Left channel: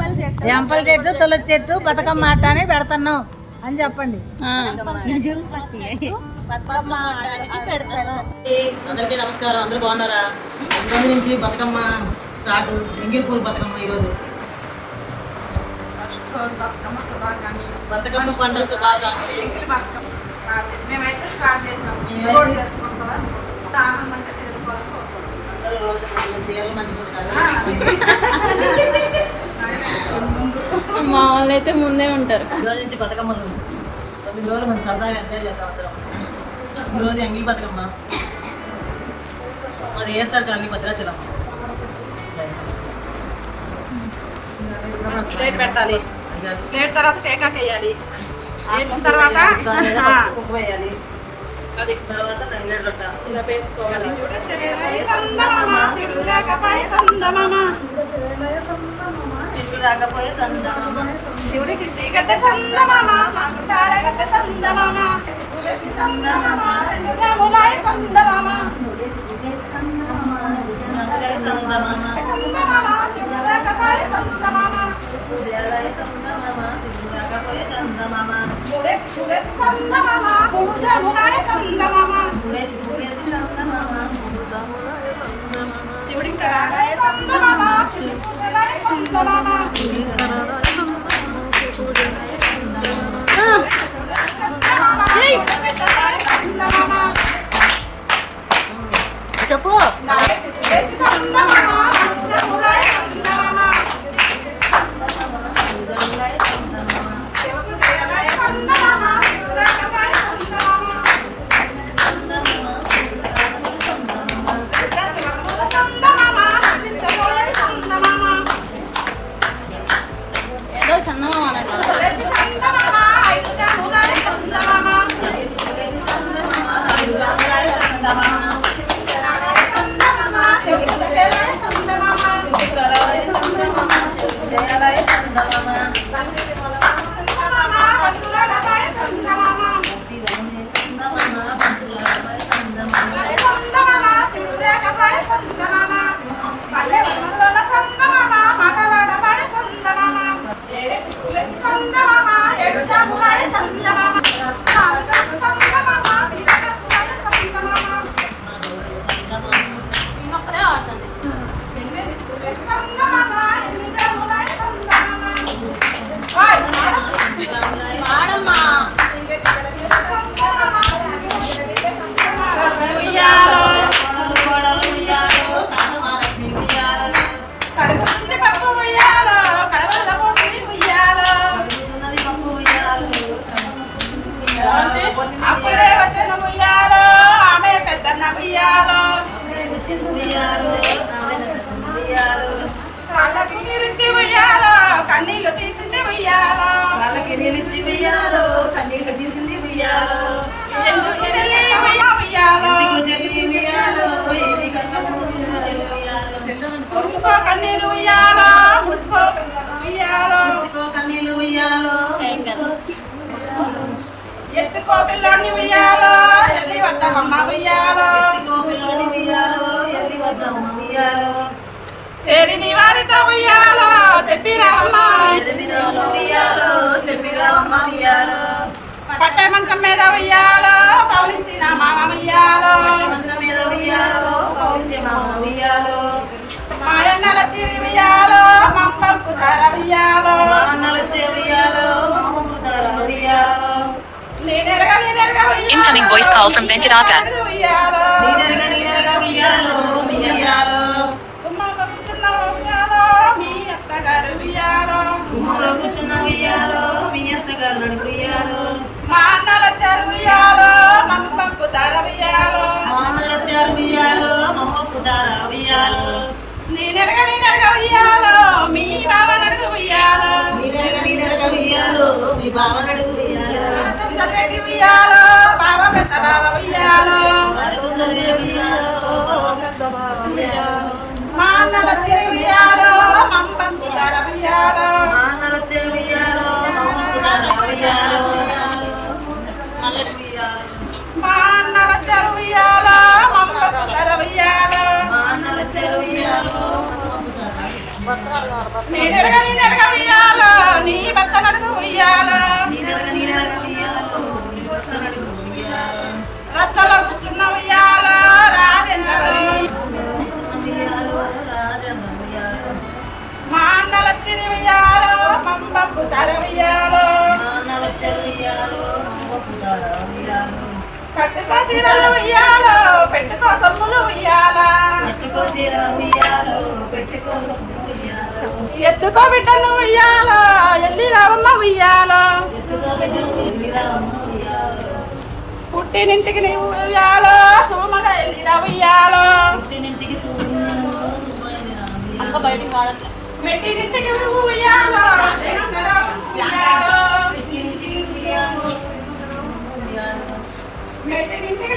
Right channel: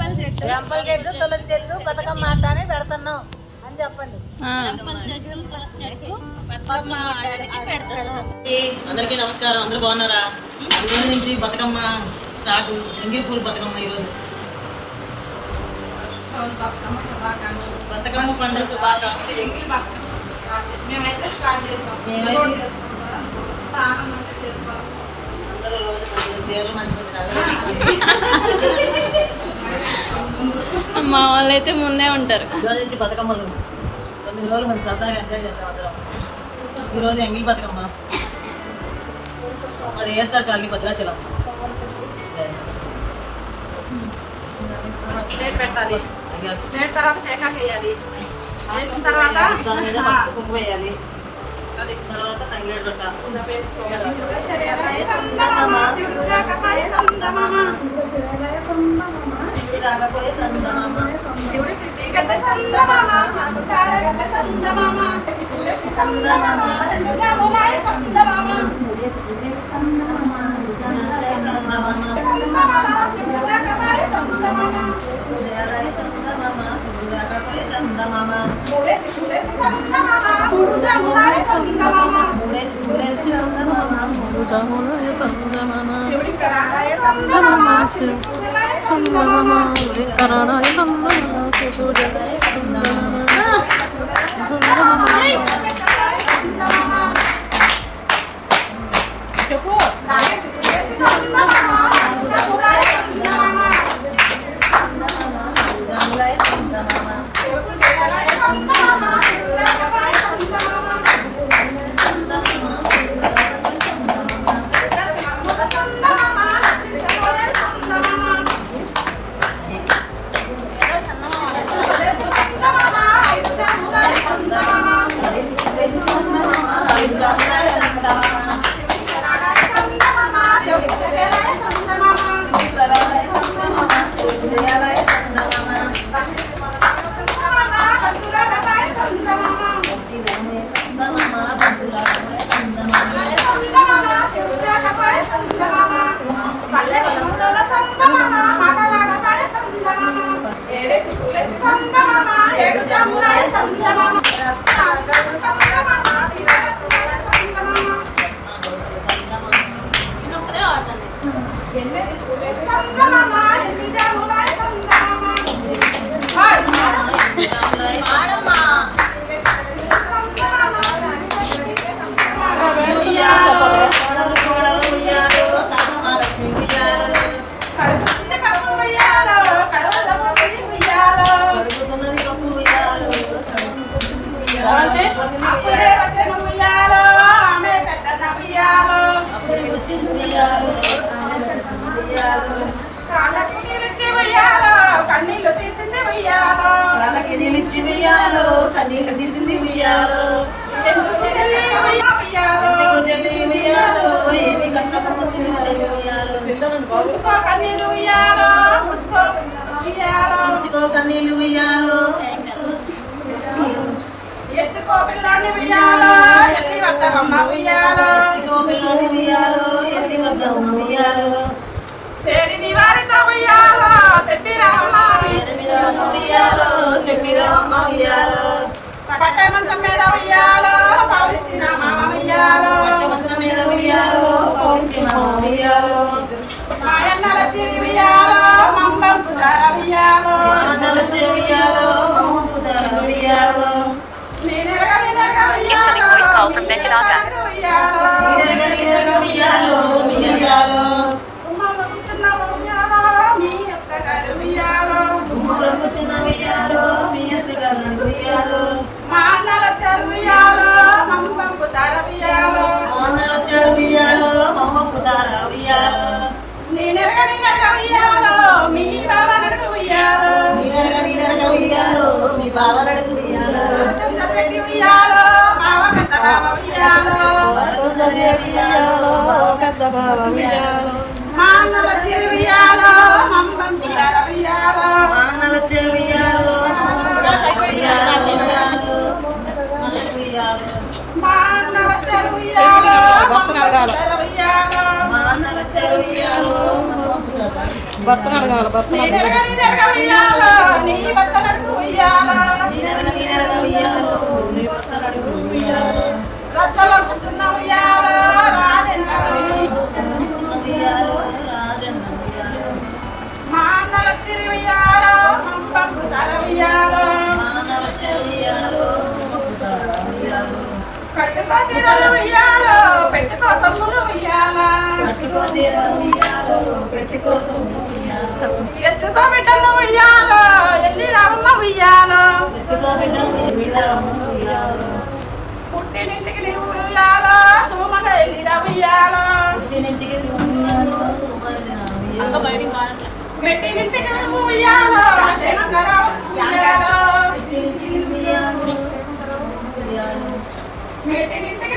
ఎంపల్ చెట్టు. తులసి చెట్టు బతుకమ్మ ఆట అని పెడుతున్నాం అని చెప్పండి. అందరికీ నమస్కారం. అందరూ బాగున్నారా? రోజు నుంచి బతుకమ్మ స్టార్ట్ ఎంగిల్ పూలు బతుకమ్మ ఈరోజు. బతుకమ్మ శుభాకాంక్షలు. బతుకమ్మ పండుగ శుభాకాంక్షలు. మేమైతే స్టార్ట్ చేసాం. చేసుకుంటారా అనుకుంటున్నాం. ఆనందంగా చేసుకోవాలని కోరుకుంటున్నాం. అందరూ రోజు మంచి మంచి చీరలు మంచి మంచి మా వాళ్ళు అయితే ముందే ఉంటారు. ఈరోజు బతుకమ్మ. అది వేస్తారు కానీ భద్రాచలం. ప్లేట్ పెట్టాలి. ప్లేట్ తర్వాత టేకాక్ వేయాలి. వేసిన తర్వాత వేయాలి. తర్వాత తంగేడు రొట్ట రాకపోయే సందమామ శివుడికి శ్రీగంధ సందమామ మాకు సారగంధ సందమామ తులసి సందమామ సందమామ సందమామ సందమామ సందమామ సందమామ శివుడు రాకపోయే చందమామ తులసి తులసి సందమామ మూడు జమునాయ సందమామ మూడేసి మూడేసి చందమామ మూడు తమ్ముడు సందమామ శివుడికి కరాళాయ సందమామ శివుడికి పూజలాయ సందమామ చెప్పు కన్నీళ్ళు తీసింది ఉయ్యాలో వాళ్ళకి నిలిచి ఉయ్యాలో కన్నీళ్ళు తీసింది ఉయ్యాలో ఉయ్యాలో ఏమి ఉయ్యాలో కన్నీళ్ళు ఉయ్యాలో ఉయ్యాలో కన్నీళ్ళు ఉయ్యాలో ముచ్చుకో ఎత్తుకో పిల్లోని ఉయ్యాలో ఎల్లి వద్ద అమ్మ ఉయ్యాలో. పిల్లోని ఉయ్యాలో ఎల్లి వద్ద ఉమ్మ ఉయ్యాలో చేరిని వారితో ఉయ్యాలో చెప్పిరమ్మ ఎనిమిదాలు ఉయ్యాలో చెప్పిరామమ్మ ఉయ్యాలో పట్ట మంచం మీద ఉయ్యాలో పవలించిన మామ ఉయ్యాలో. మంచం మీద ఉయ్యాలో పౌలించే మామ ఉయ్యాలో. మాయన్నల చిరి ఉయ్యాలో. Incoming voice call from Venkataka. కూర్చున్న ఉయ్యాలో మీ అత్తగారు నడుపు రచ్చలో కూర్చున్న ఉయ్యాల మా అన్నల చిరి ఉయ్యాల పంపకు కల ఉయ్యాలో కట్టుకో చీరలు ఉయ్యాల పెట్టుకో సొమ్ములు ఉయ్యాల. పట్టుకో చీర ఉయ్యాలో పెట్టి కోసం ఉయ్యాలో ఎత్తుకో బిడ్డలు ఉయ్యాల ఎల్లి రావమ్మ ఉయ్యాల ఎత్తుకో బిడ్డలు నీ మీద ఉయ్యాలో పుట్టినింటికి నీవు ఉయ్యాల సోమల ఎల్లి ఉయ్యాల పుట్టినింటికి సూర్యాలో సుమదిన ఉయ్యాలో మెట్టినింటికి నువ్వు ఉయ్యాలో ఉయ్యాలో మెట్టినింటికి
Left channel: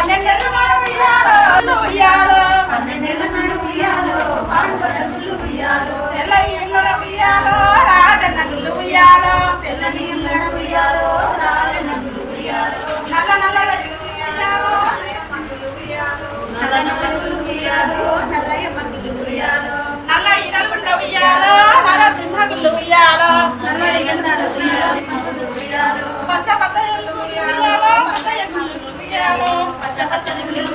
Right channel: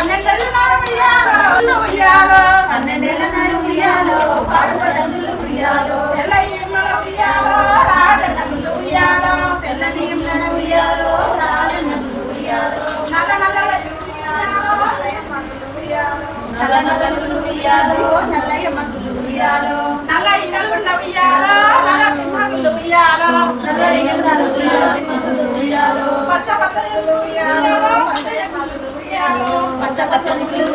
పన్నెండేళ్ళ నాడు ఉయ్యాల ఉయ్యాల పన్నెండేళ్ళ నాడు ఉయ్యాలో పాడుపడ్డ ఉయ్యాలో తెల్ల ఇళ్ళ ఉయ్యాల రాజన్న ఉయ్యాల తెల్ల నీళ్ళ ఉయ్యాలో రాజన్న ఉయ్యాలో నల్ల నల్ల ఇల్లు నల్ల నల్ల ఉయ్యాలో నల్లయ్య మంగులు ఉయ్యాలో నల్ల ఇళ్ళుండ ఉయ్యాల నల్ల సింహములు ఉయ్యాల నల్ల ఇళ్ళ ఉయ్యాలో పచ్చ పచ్చ ఇల్లు పచ్చ ఎమ్మలు ఉయ్యాలో పచ్చని ముళ్ళు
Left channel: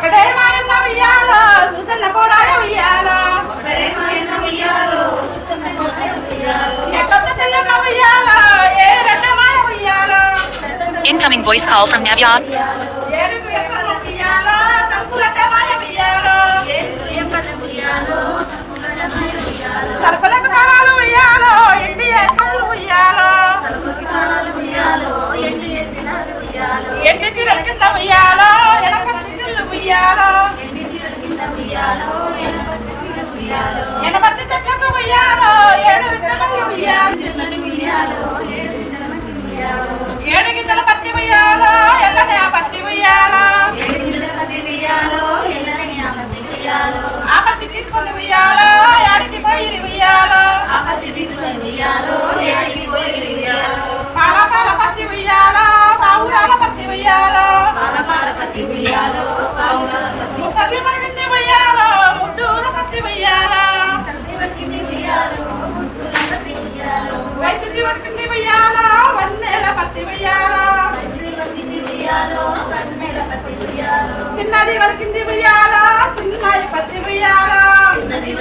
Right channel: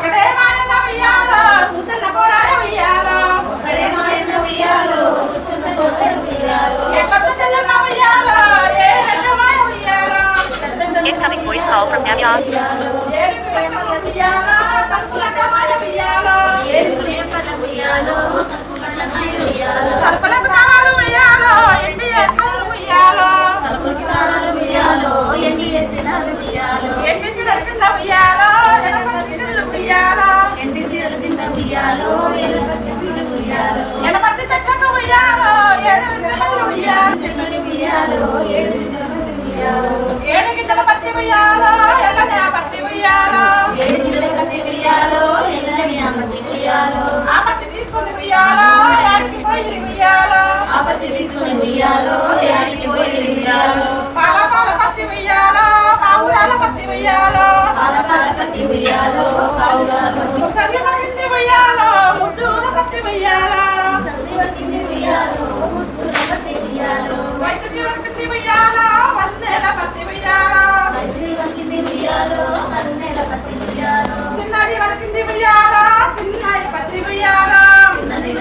ఒకటే మాయన్న ఉయ్యాల సుసన్న కూడా ఉయ్యాల ఒక్కడే మాయన్న ఉయ్యాలో సుఖస ఉయ్యాలో ఎక్కడ చెల్లెన్న ఉయ్యాల ఏ రకమాయ ఉయ్యాల Incoming voice call from Navya. ఏడు ప్రేమల ఉయ్యాల తలుపుల టమాయ ఉయ్యాల ఏడుపు ఏమన ఉయ్యాలో చప్పులటమై ఉయ్యాలో తలుపులకు తాళాలు ఉయ్యాల ఎండి వేసుకొని ఉయ్యాల తలుపులకు తాళాలు ఉయ్యాలో ఎండి వేసిన ఉయ్యాలో ఎండి చీరల కింద ఉయ్యాల ఎనపతి చెల్లు ఉయ్యాల ఎండి చీరల కింద ఉయ్యాలో ఎనపత్తి చీర ఉయ్యాలో ఎనపతి చెట్లకు ఉయ్యాల ఏడు విగ్రహాలు ఉయ్యాల చెట్లని ఉయ్యాలో ఏడు వింతల మట్టి ఉయ్యాలో ఏడు గింజల పత్తి ఉయ్యాల ఎల్లనే ఆ పత్తి ఉయ్యాల ఏడు వింతల మట్టి ఉయ్యాలో ఎల్లనే ఆ మట్టి ఉయ్యాలో ఆ పత్తి తీసుకొని ఉయ్యాల ఏడికి పోయి ఉయ్యాల ఆ పత్తి తీసుకొని ఉయ్యాలో ఏడికి పోయి ఉయ్యాలో పాల పాల పత్తి ఉయ్యాల పావురాల పత్తి ఉయ్యాల పాల పాల పత్తి ఉయ్యాలో పాలుగాలో ముద్దుల పత్తి ఉయ్యాలో వయసుకి వడికింది ఉయ్యాల వన్నెల పత్తి ఉయ్యాల చిన్నది వరకింది ఉయ్యాల చిన్నది పత్తి ఉయ్యాల. చిన్నది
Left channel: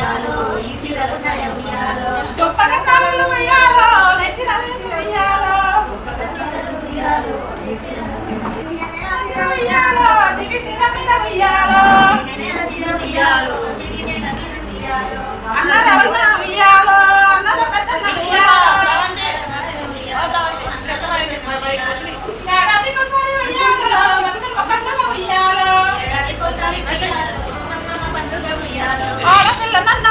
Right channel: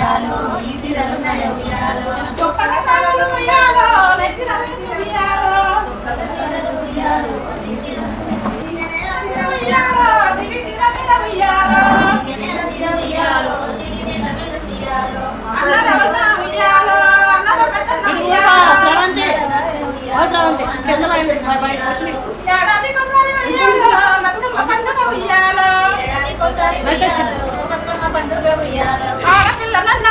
బంగారం ఉయ్యాలో canal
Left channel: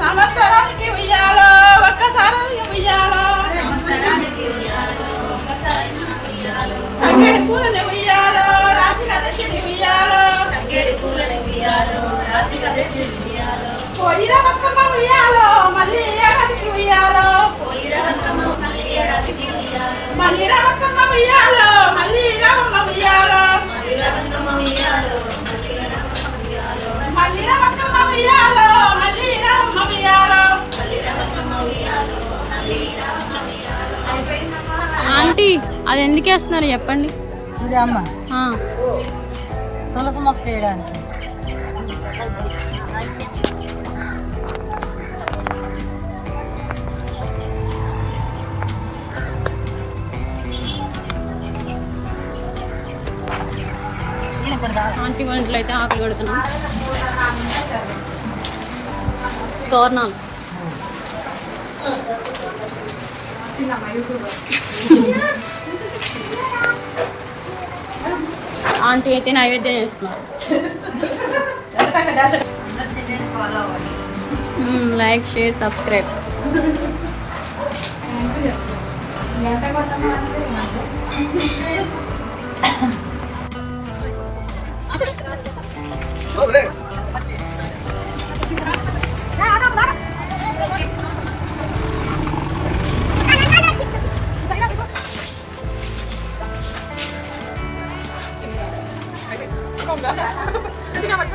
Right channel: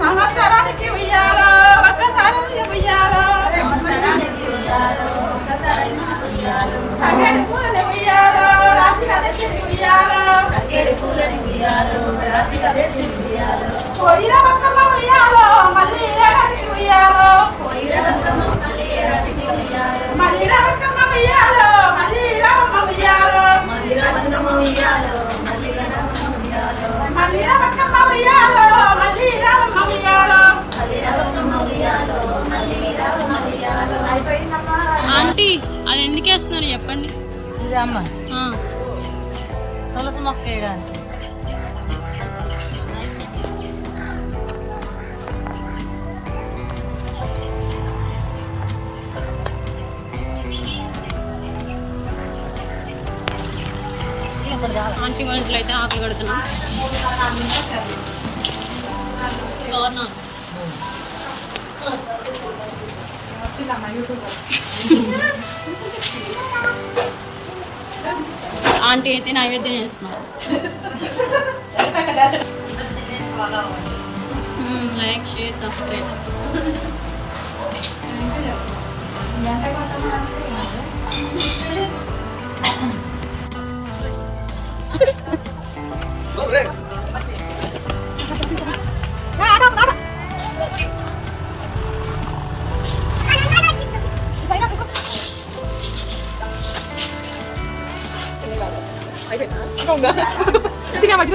సంవత్సరానికి ఉయ్యాలో, ఒక్కసారి ఉయ్యాలో, సంవత్సరానికి ఉయ్యాలో. ఒకసారి ఉయ్యాలో తంగేడు ఉయ్యాలో, తంగేడి పూలని ఉయ్యాలో పోయిన బతుకమ్మ ఉయ్యాలో, మళ్ళీ ఏడాదికి ఉయ్యాలో, పోయిన బతుకమ్మ మళ్ళీ ఏడాదికి ఉయ్యాలో. మళ్ళీ బతుకమ్మ ఉయ్యాలో, ఆంటీ అది ఎందుకు వేస్తున్నారు చెప్పండి? అమ్మ తులసి మొక్క వేయడానికి. ఆంటీ వాళ్ళ ఇంట్లో అయితే ఆకలి కడుతున్నాం తోరణాలు ఆంటీ అయితే నైవేద్యం చేస్తున్నారు. Like share subscribe.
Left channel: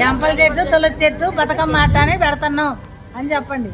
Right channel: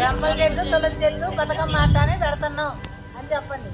జంపల చెట్టు తులసి చెట్టు బతుకమ్మ ఆట అని పెడుతున్నాం అని చెప్పండి.